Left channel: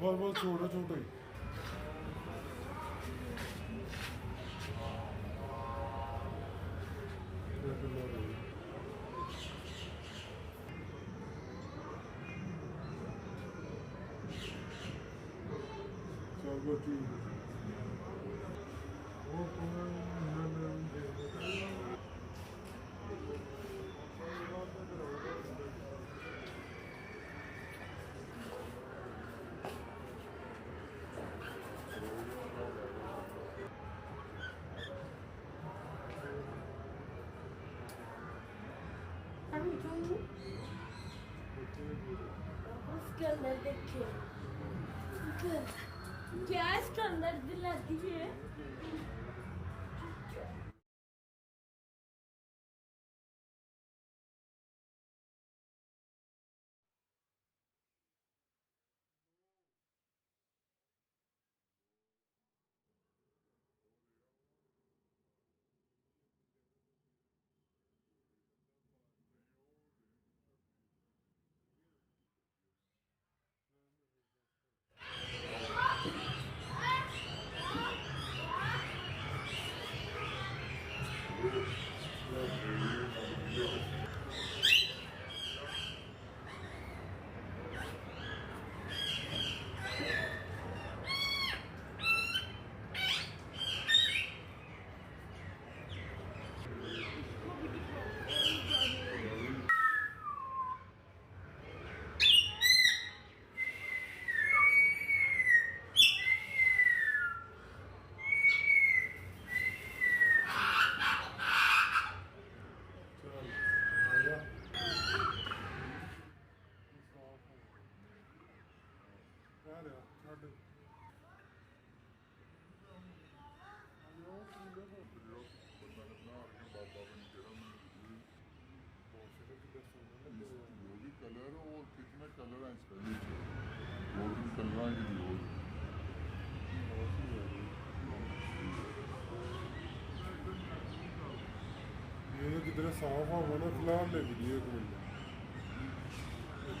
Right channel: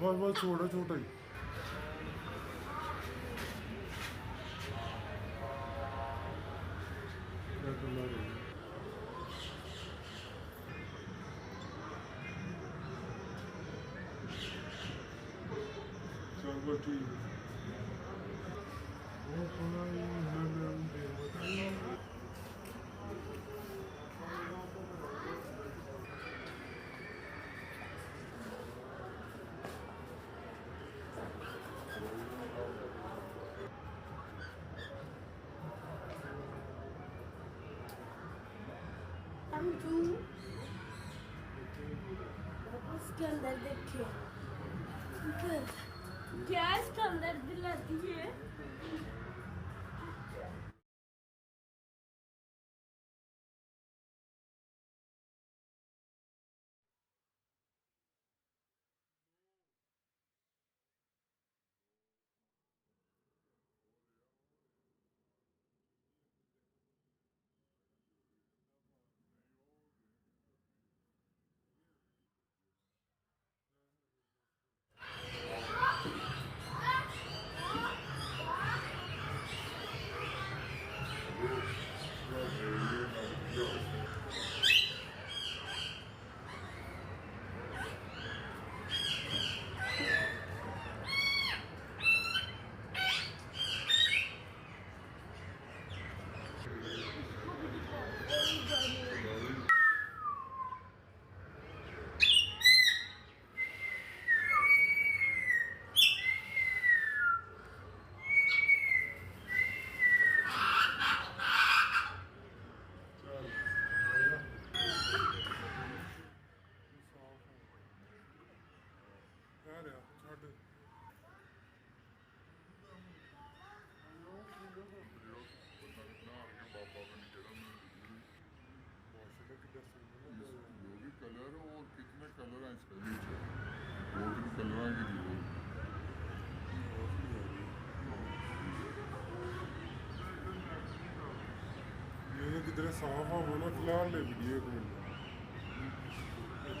बस छोटा छोटा ही चल बस ठीक इसके अंदर देखिए क्या इसके अंदर दिलाती है। कलर और कितने कलर हैं इसका नीचे 2-3 कलर की लोग ये किधर साफ हो ना फिलहाल ले वीडियो को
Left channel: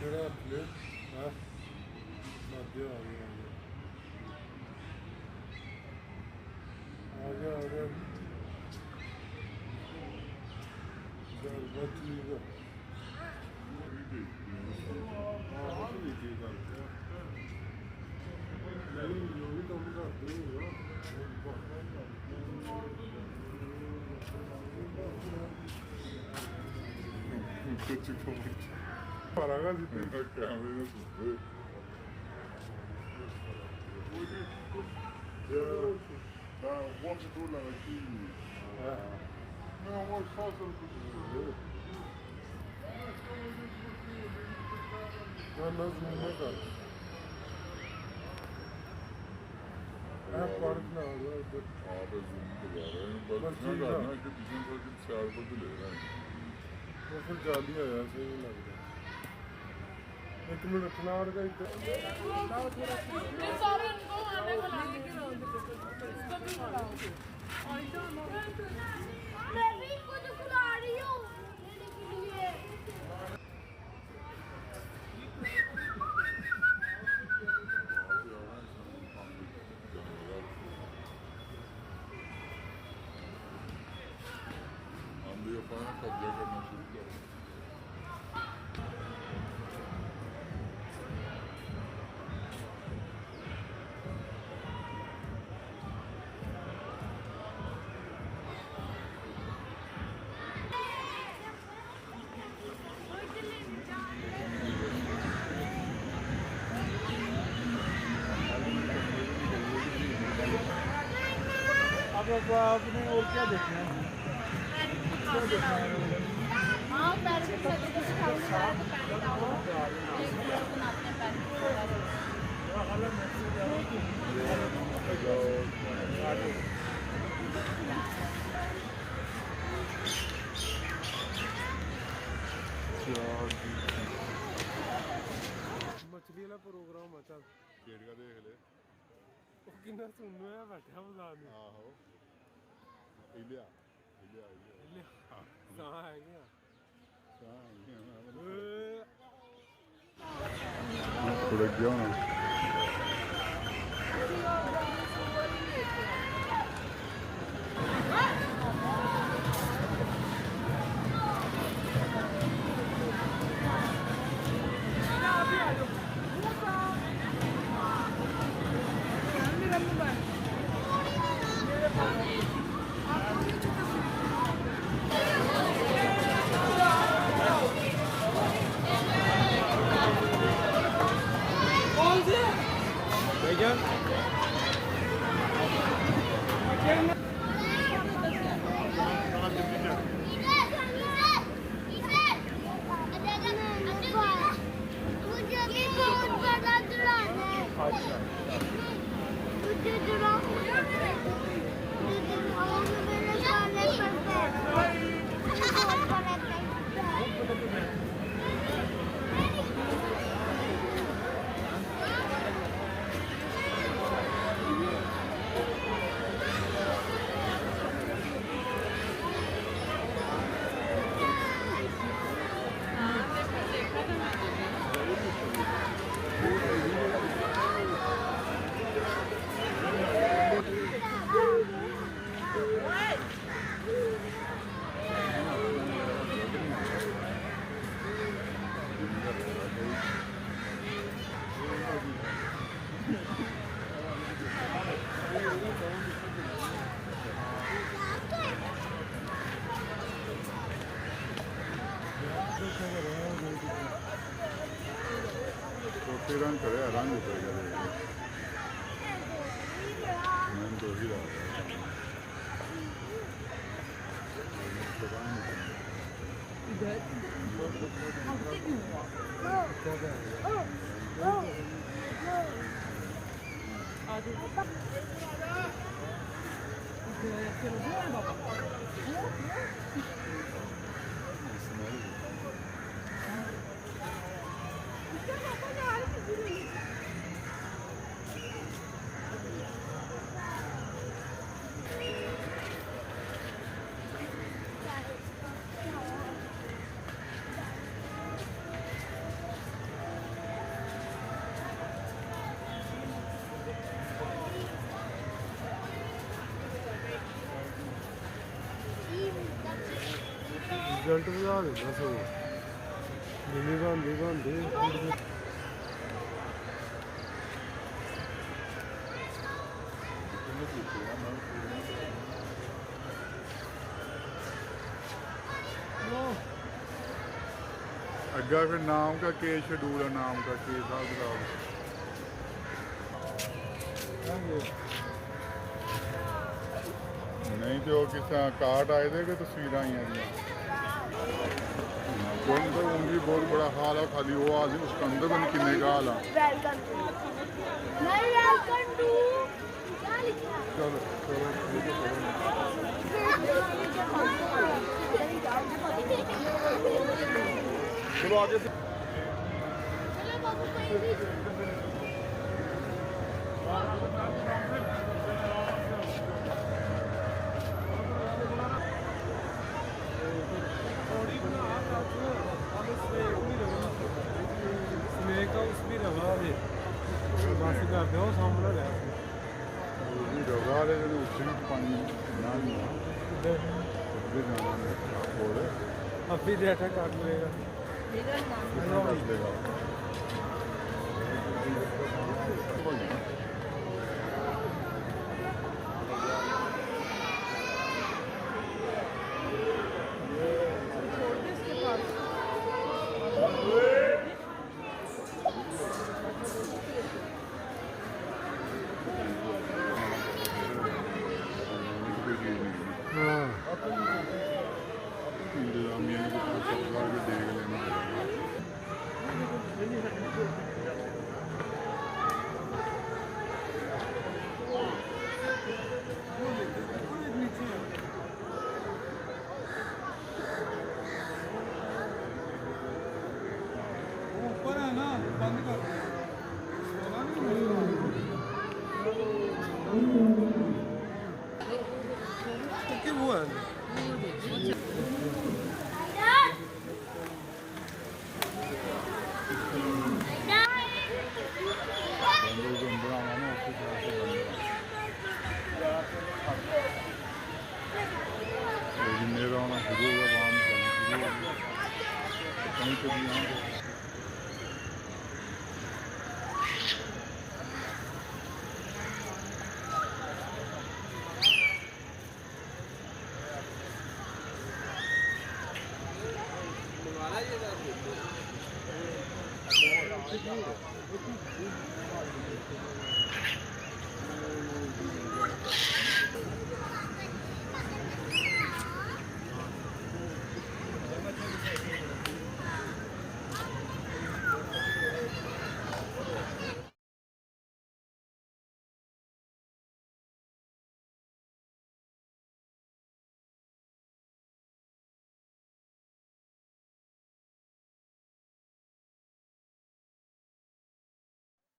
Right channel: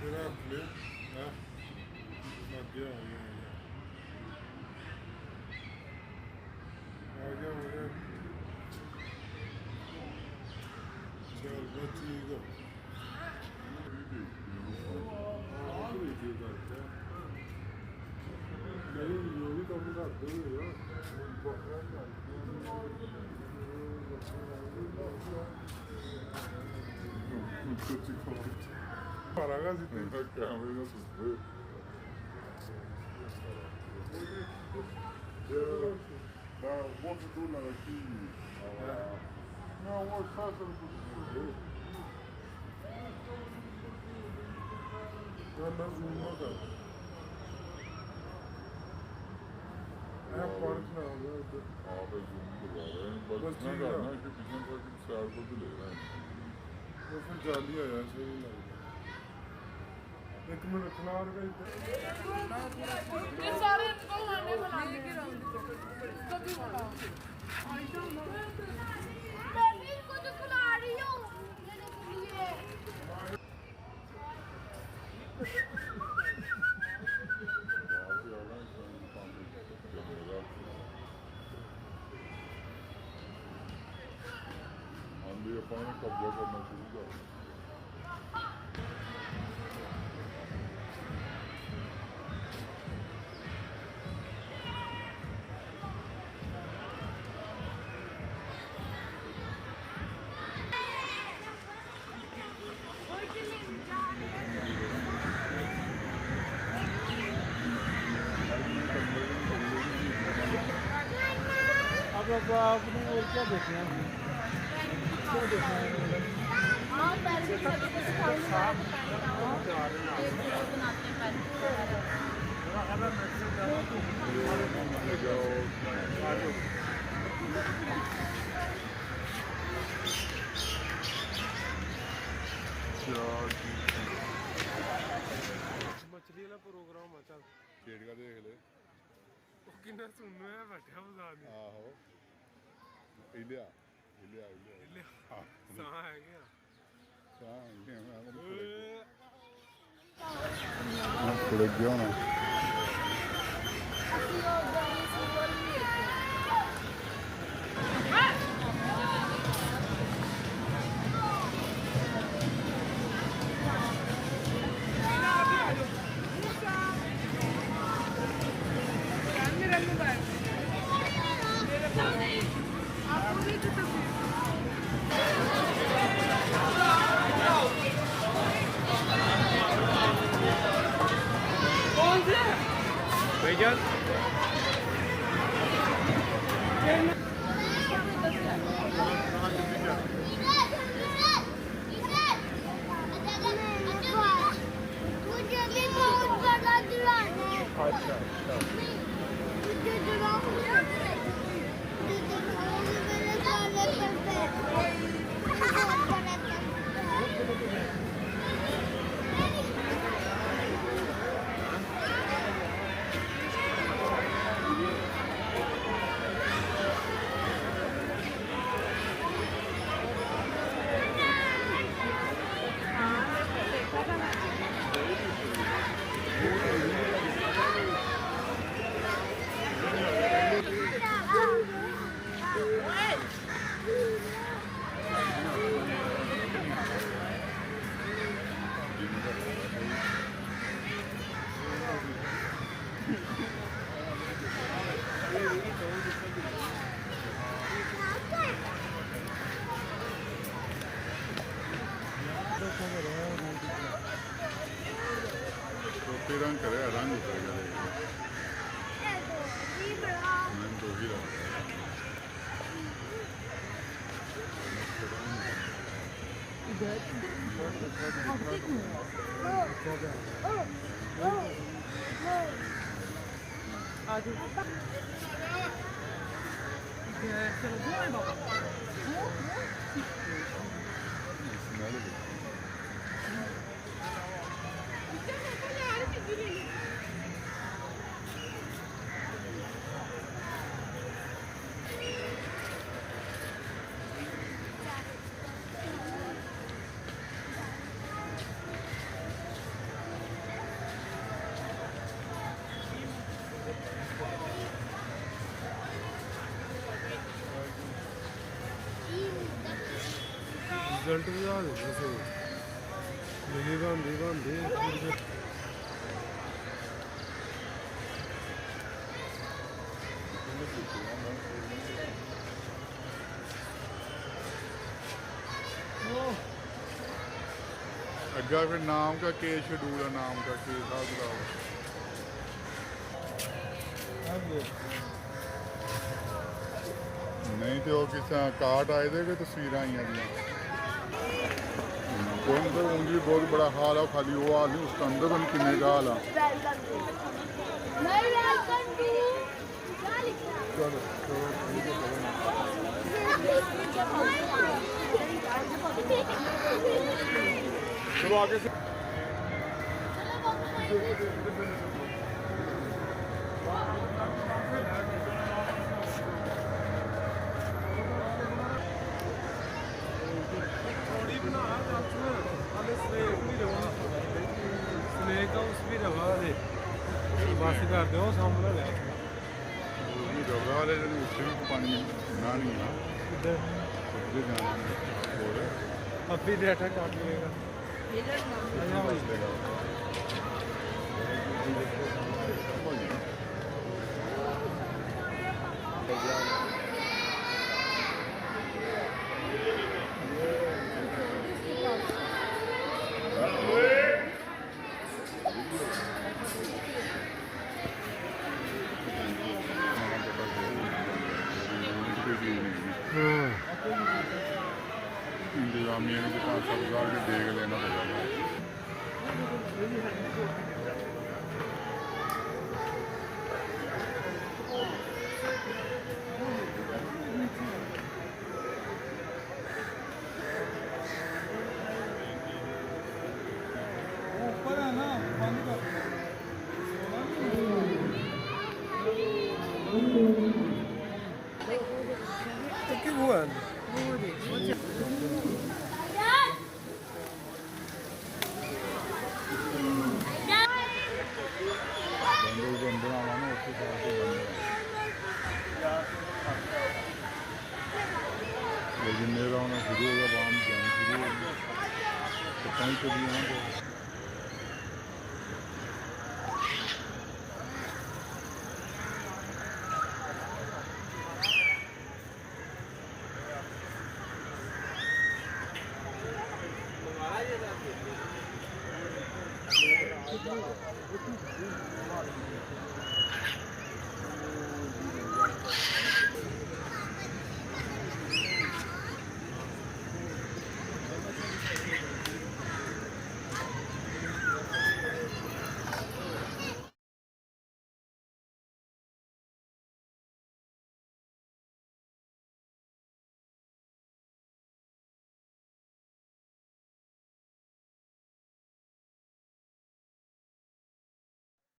तेरा ले हां लगे आ गया चल बच्ची का Quanto dólar aqui? Não, hoje só se eu quiser. Quando zoom da park na हो Abi zoom करवा रहे हैं बस ना करना कि पीछे से कि साइड पर भी ले रहे हैं वो फिर जाली आया सही लग रहा एक मिनट रखना और का ये सारे इनको आने बुलाने के इसको भी बुलाओ मैं भी कुछ खिला रही हूँ मेरे के लिए आंधी अपने कब्जा करना शुरू कर बाबा आपने और क्या देखना है? क्या देखना है मतलब? हाँ पैर के छोटे छोटे खाने वाला तो पैर लगाओ एक वीडियो बनाते हैं पैर के मछली वाला प्रोग्राम हो चल खेड़ का देख ले वो किन्ना सुनना है बैठा बता नहीं आहो इलिया इलिया इलिया ले हाँ सां है क्या थोड़े क्यों ना भैया छोटे रंग करे रंग उतरेगा देखो मैंने तो ही रहा चलो वो है बाबा रिजल्ट बता देता सो मिली बनती अग्गा फिर नाम का केस शेड्यूल है नाम का केस नहीं तो वो किस कार्ड आए थे कि तस्वीर आई हैं कोई तो उनकी बहुत बड़ा हाल है खाली वो आदमी उसके अंदर भी किन्ने का हाल है चलो चलो ठीक है चलो आगे से थोड़ी बना स्नेक भी रहा स्नेक हाउस भी रहा बस कर दो सामने लै रवा वाले उत्थे भी पानी ना नहीं है उधर जाना है और अभी बैठा कर लेगा